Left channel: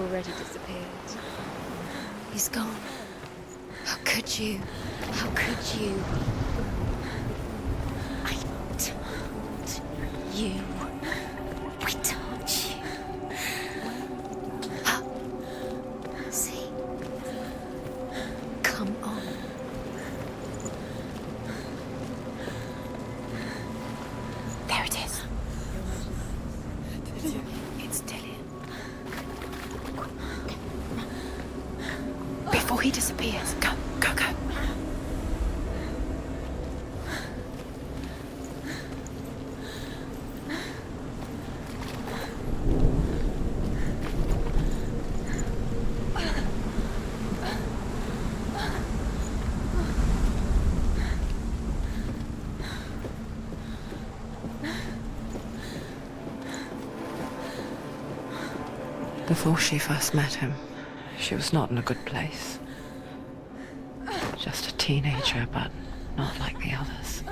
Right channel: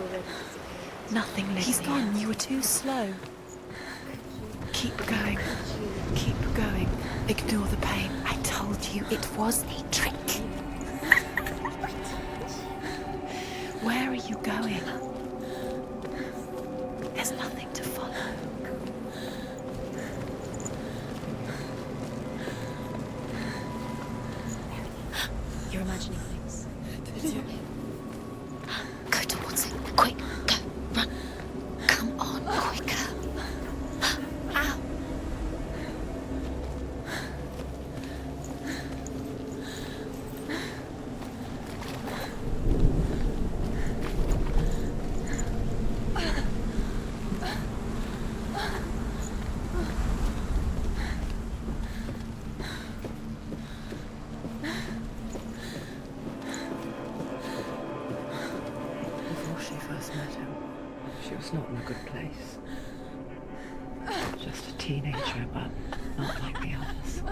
already disappeared. Nothing, Lydia. He's gone. You were too slow. How could you? Keep going. How could you? Keep going. Ignore the pain. I told you it was to trick you. I told you. Where are you going? See, There's nothing to follow. come on. There it is. You're imagining things. It's Dillian. Go towards it. Quick, go, run. Come on, before he disappears. Go, go, go. Ow. Before she first met him, she was not in a good place. Just a teenager, but not like the others.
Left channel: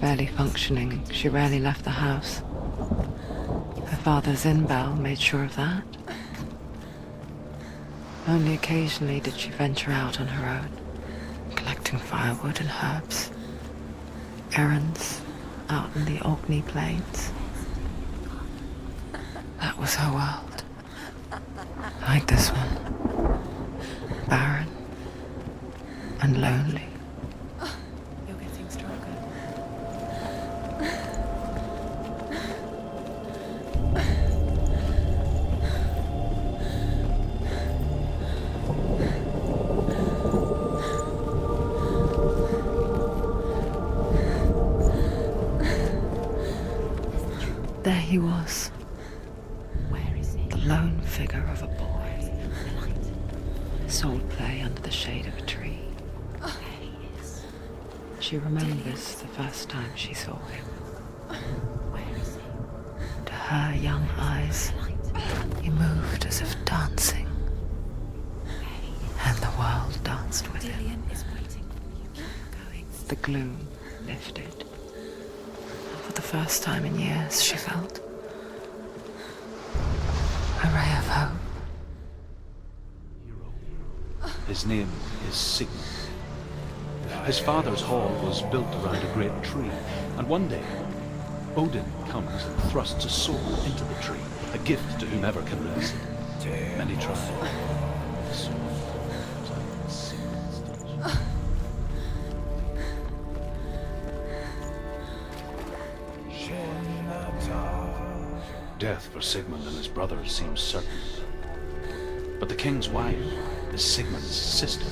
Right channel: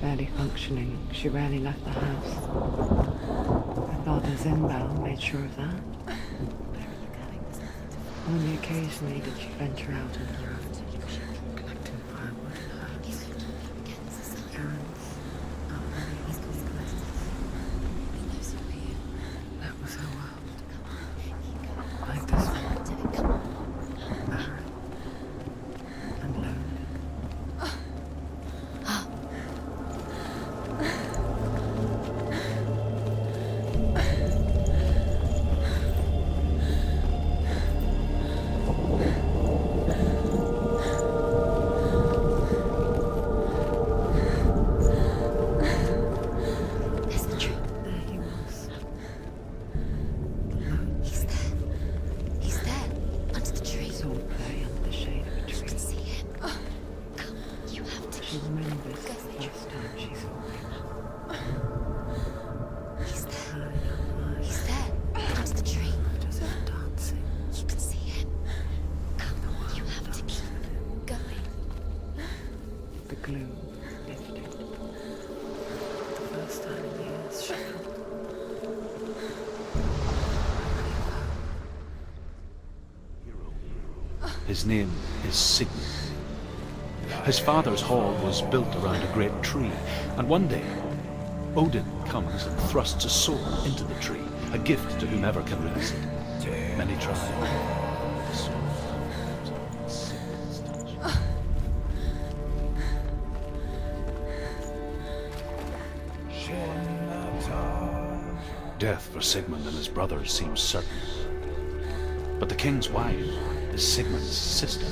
Barely functioning, she rarely left the house. Her father's inbound made sure of that. Only occasionally did she venture out on her own, collecting firewood and herbs. Errands out in the Orkney Plains. That was her world. Like this one. Barren and lonely. There he was. The lone figure of a boy. He's there, under the tree. Sword play under the shade of a tree. You have to. She remembers the first time she saw him. To her young eyes, he moved as if dancing, You can see him. and the world danced with him. The gloom lifted. For the first time in years, she felt a ray of hope. His name is Sigmund. His father's hall was built around a great tree, and one day, Odin comes and thrusts a sword into the tree, a gift to whomever can release it. Many try. The sword comes out with Sigmund's touch. Death for Sigmund and his brothers seems certain. But the king's wife is Sigmund's sister,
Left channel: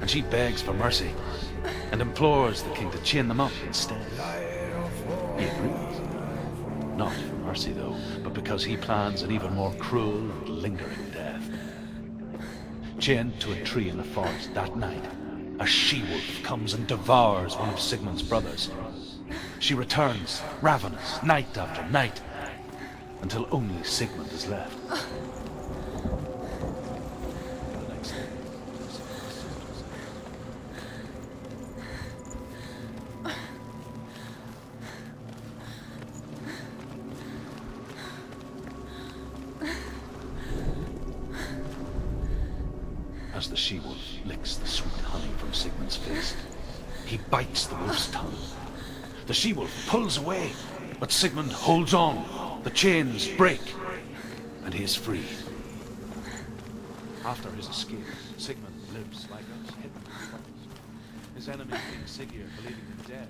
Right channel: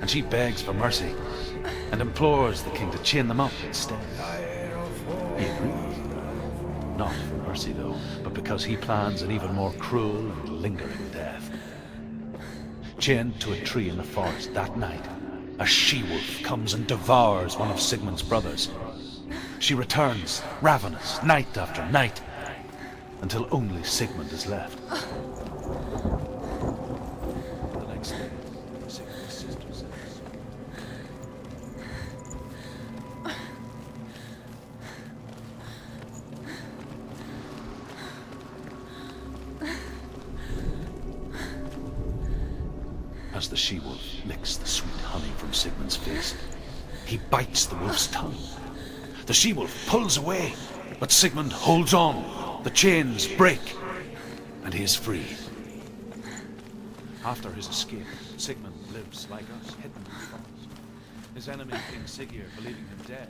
and she begs for mercy and implores the king to chain them up instead. He agrees. Not for mercy, though, but because he plans an even more cruel and lingering death. Chained to a tree in the forest that night, a she-wolf comes and devours one of Sigmund's brothers. She returns, ravenous, night after night, until only Sigmund is left. The next day, Sigmund's sister says, as the she-wolf licks the sweet honey from Sigmund's face, he bites the wolf's tongue. The she-wolf pulls away, but Sigmund holds on. The chains break, and he is free. After his escape, Sigmund lives like us, hidden in the forest. His enemy, King Siggeir, believing him dead.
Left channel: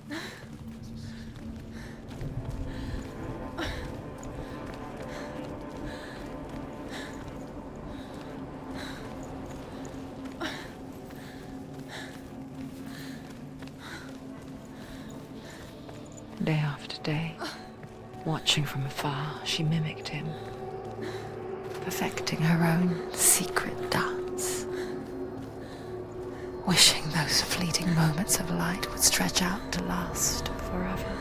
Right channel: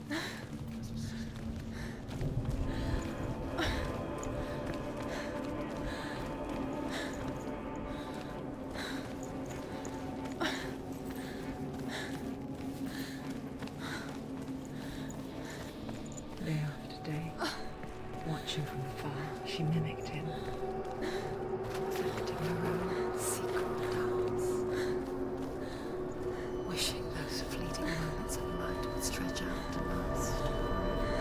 Day after day, watching from afar, she mimicked him, perfecting her own secret dance, wishing those fleeting moments of light would stretch out to last forever.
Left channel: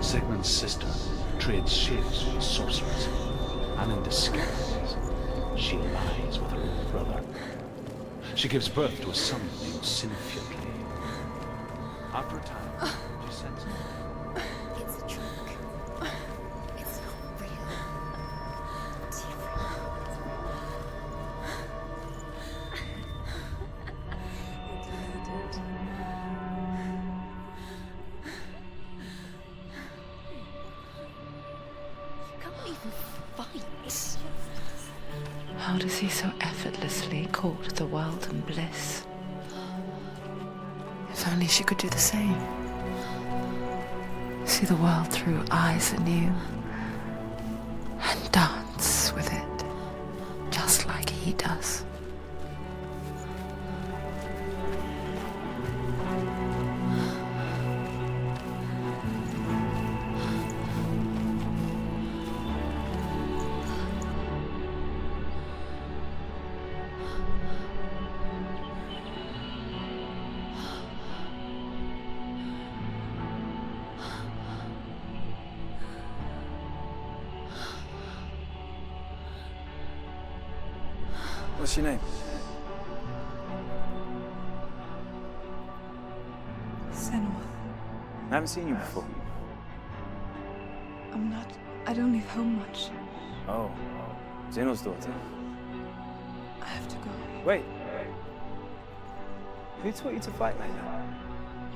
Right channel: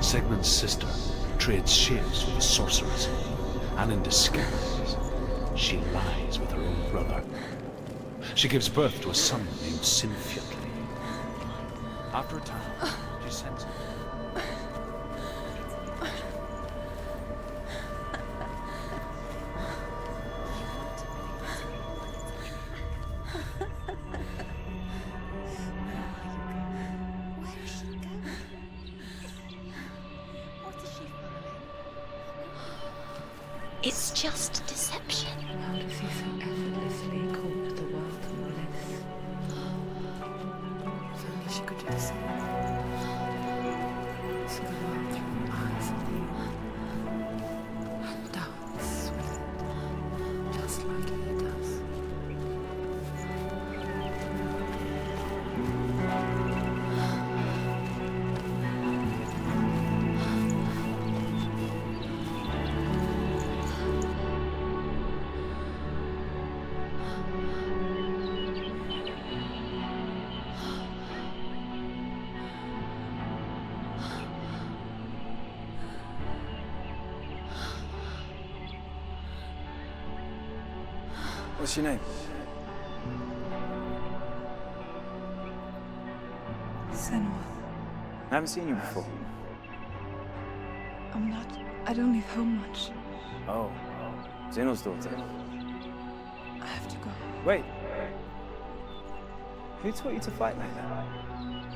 Sigmund's sister trades shapes with the sorceress, and in disguise, she lies with her own brother. She gives birth to a son named Sinfjotli. After a time, she sense of it. It's just deception. How does he so effortlessly court the world and bliss? If only she could do the same. See the world through eyes anew and dance with it, just like he does. What's your name? Senua. I haven't seen you before. I don't leave home much. Oh, Zeno's daughter. I have to go. Wait. Who taught you to fight like that?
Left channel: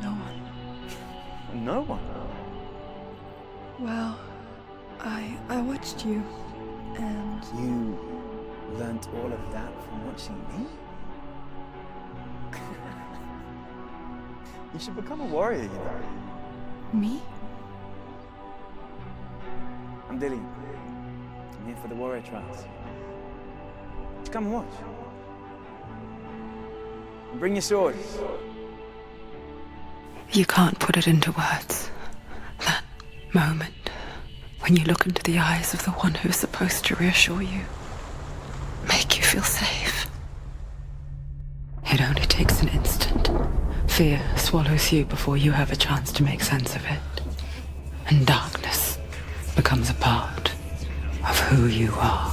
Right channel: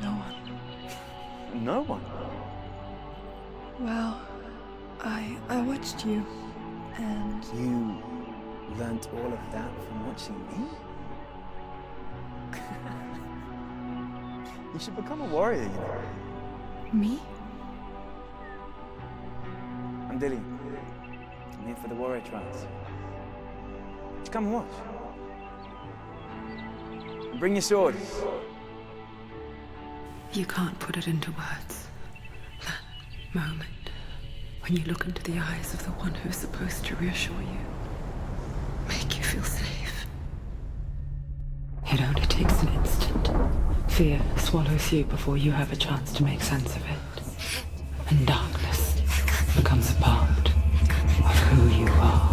No one. No one. Well, I watched you, and You learnt all of that from watching me? You should become a warrior, you know. me? I'm Dillian. I'm here for the warrior trials. Just come and watch. And bring your sword. You can't put it into words. That moment when you look into the eyes of the one who's supposed to reassure you, make you feel safe. It only takes an instant. Fear swallows you before you have a chance to make sense of it. And darkness becomes a part of who you are.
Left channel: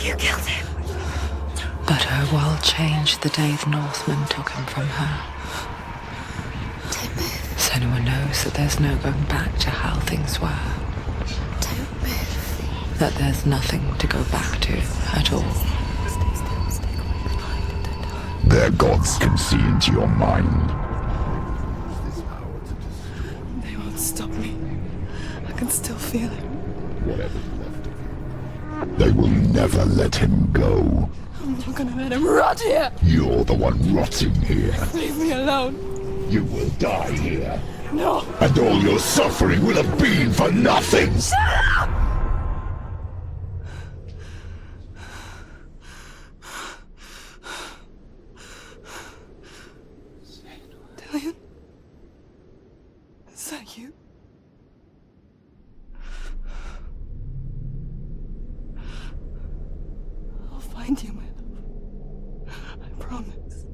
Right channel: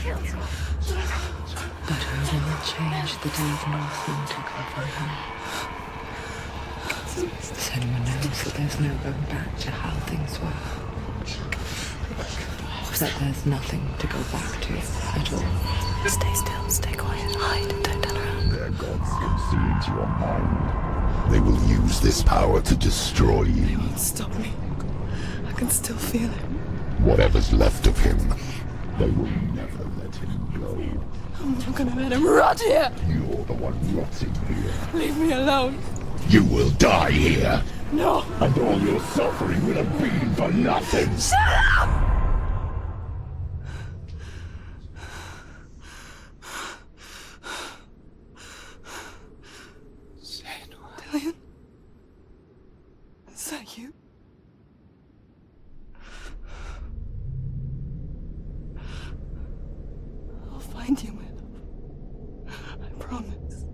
You killed him. But her world changed the day the Northmen took him from her. Senua knows that there's no going back to how things were. That there's nothing to go back to at all. Stay still, stay quiet, hide, don't tell her. Their gods can see into your mind. They will use this power to destroy They you. won't stop me. I can still feel him. Whatever's left of him, they will never let him go. I'm not gonna let him rot here! You're the one rotting here. Leave me alone! You will die here. No! And all your suffering will have been for nothing. Dillian? Is that you? I'll find you, my love. I promise.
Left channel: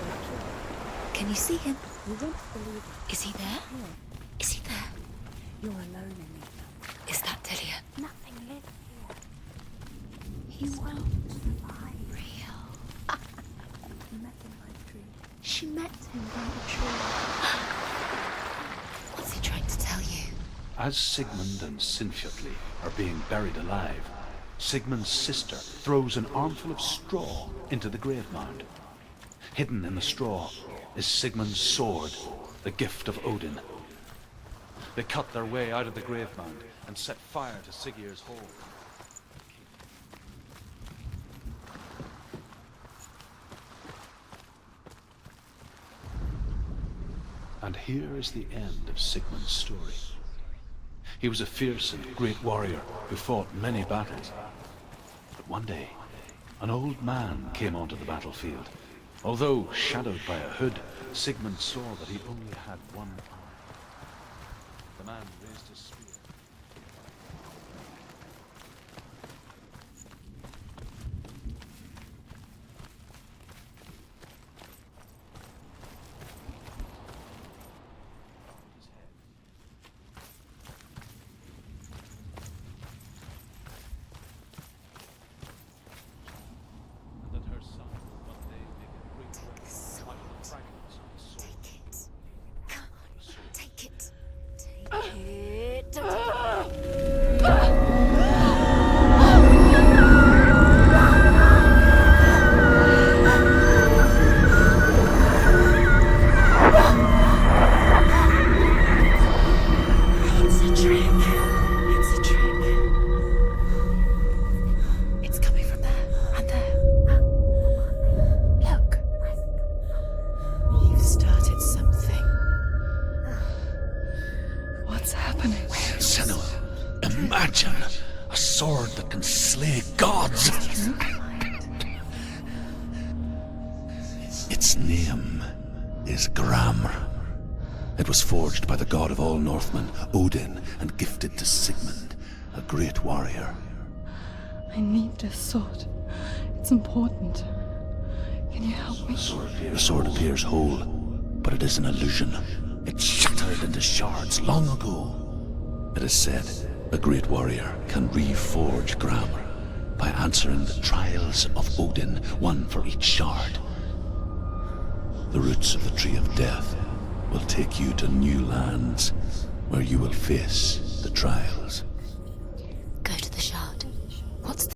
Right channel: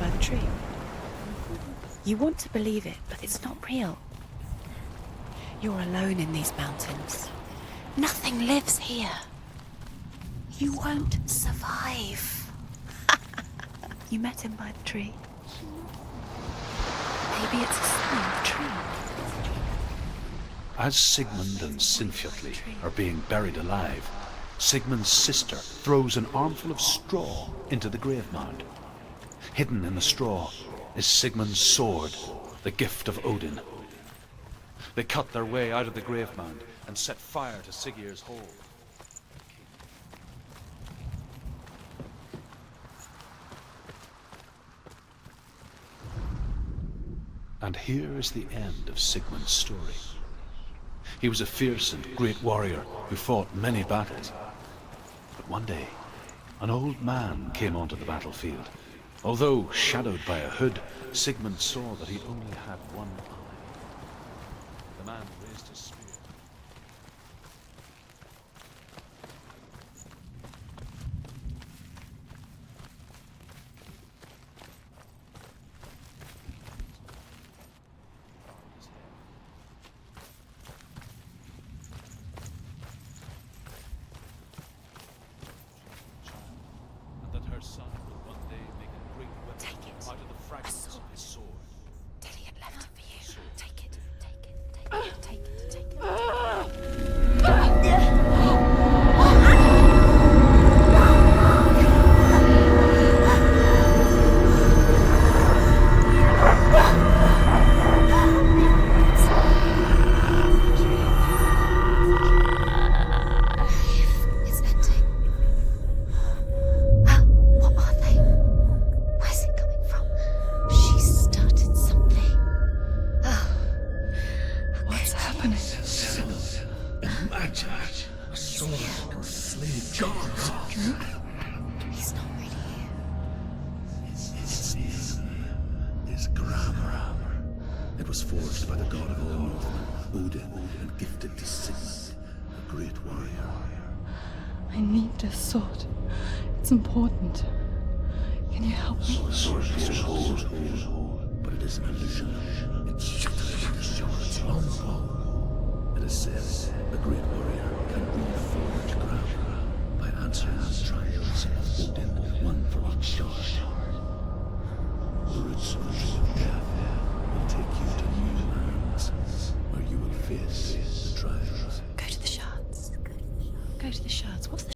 By the tree. Can you see him? You want to believe it, Is he it's there? not real. Is he there? You're alone in these mountains. Is that Delia? Nothing lives here. You won't survive. You met him by the tree. She met him by the tree. Maybe it's a sign of the tree. What's he trying to tell you? As Sigmund and Sinfjotli are being buried alive, Sigmund's sister throws an armful of straw into the grave mound. Hidden in the straw is Sigmund's sword, the gift of Odin. They cut their way out of the grave mound and set fire to Siggeir's hole. And here is the end of Sigmund's story. He was a fierce and great warrior who fought many battles. But one day, an old man came onto the battlefield. Although shadowed by a hood, Sigmund saw that he only had one eye. The man raised his spear. imagine a sword that can slay gods. Its name is Gramr. It was forged by the god of all Northmen, Odin, and gifted to Sigmund, a great warrior. I need this sword. It's important. Can you help me? The sword appears whole, but it is an illusion. It shattered into shards long ago. It is said a great warrior can reforge Gramr by answering the trials of Odin, one for each shard. The roots of the Tree of Death will take you to new lands where you will face the trials.